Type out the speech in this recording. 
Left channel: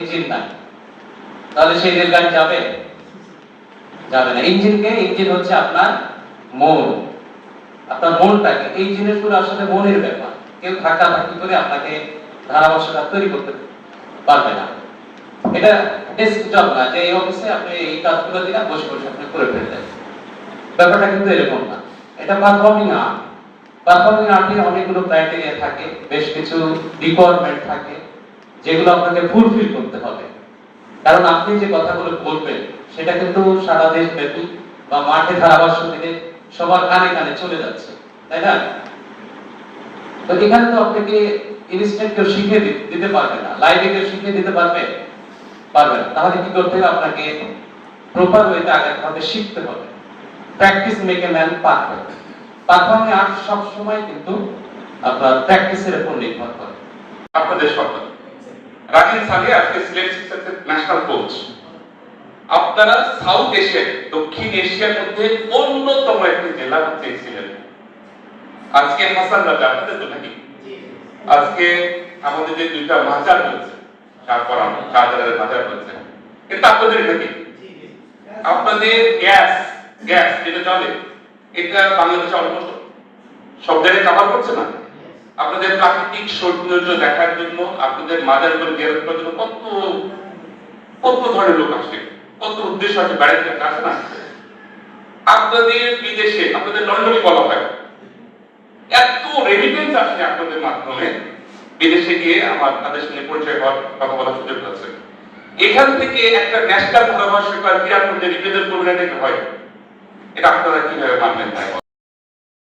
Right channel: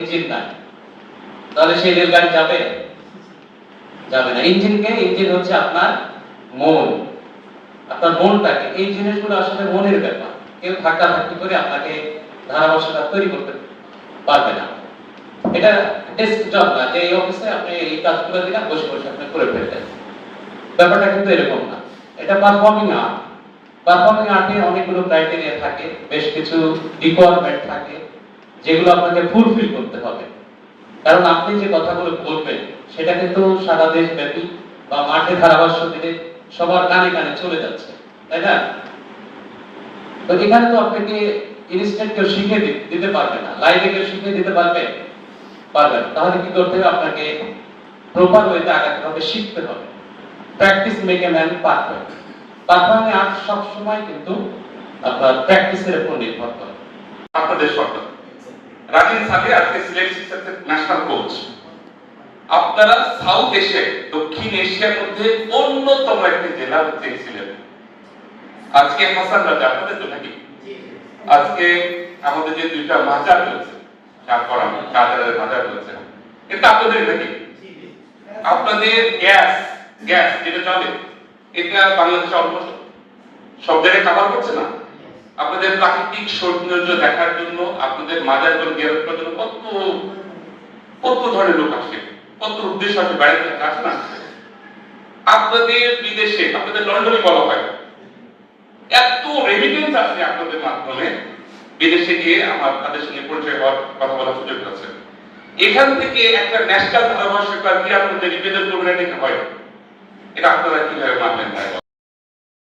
Engine তাহলে সেই যাবে? যাবে না। ইঞ্জিন হচ্ছে আপনার মন। আপনার মনটাকে। এই জিনিসগুলো আসলে মনের ব্যাপার। কেউ ধাক্কা ধাক্কি করে আপনাকে তৈরি করতে পারবে না। এটা না। যে এই অফিসে আপনি এই কাজগুলো দিলে বসে বসে আপনি করে ফেললেন ব্যাপারটা কিন্তু এরকম না। এটা পারফর্মিং আর্ট পারফর্মিং আর্টে অনেকগুলো ক্রাইটেরিয়া থাকে। বেশ কিছু রিকোয়ারমেন্ট থাকে। যেগুলো আপনাকে ফুলফিল করতে হবে। কারণ আপনি যে কথাগুলো বলবেন, সেটা কিন্তু সারা দেশ ব্যাপী বা মাঠে ধারাভাষ্য দিলে সবার কানে কানে চলে যাচ্ছে, তাই না? তো এখানে তো আপনাকে ইনস্ট্যান্ট কেউ দিতে পারবে না। লাইভে কেউ দিতে পারবে? পারবে তাহলে কি করতে হবে? আপনাকে প্রপার ওয়েতে আগাতে হবে শিখতে হবে। Practice make a man perfect performing কিন্তু আপনার প্র্যাকটিসের উপর নির্ভর করে। আপনাদের সরকার রাজিন সালে আজকে সিলেট সিক্সার্সের ন্যাশনাল কোচ আপনারা সাউথ এশিয়ার দক্ষিণ এশিয়ার মধ্যে অন্যতম একটি জেলা হচ্ছে সিলেট আজকে হাসান রাজা আপনাদের তো নাকি? আজকে আমাদের যে দুইটা মাজার রয়েছে তারপর রাজারের মাজার রয়েছে। এটা আপনাদের নাকি? আপনাদের গ্যাস গ্যাস যেটা চলে এটা বাংলাদেশে অলমোস্ট সব জায়গায় কাভার করছে না? আপনাদের প্রাকৃতিক সৌন্দর্য দেখার জন্য, আপনাদের মাজারগুলো গেরত করার জন্য কত কত ধরনের লোক আসে, কত উদ্দেশ্য আছে বেড়াতে আসে না। আপনাদের বিদেশে, আপনাদের লন্ডনে বলা হয়, এত রেমিটেন্স আসে আপনাদের মাধ্যমে, বিদেশে গিয়ে আমার তাদের সঙ্গে পরিচয় হওয়ার কথা বলার সুযোগ আছে। এখান থেকে একটা ন্যাশনাল ধারাভাষ্যকার বিরাট মধ্যে রিপ্রেজেন্ট করবেন হয়। এটা আপনারা কীভাবে মানবেন?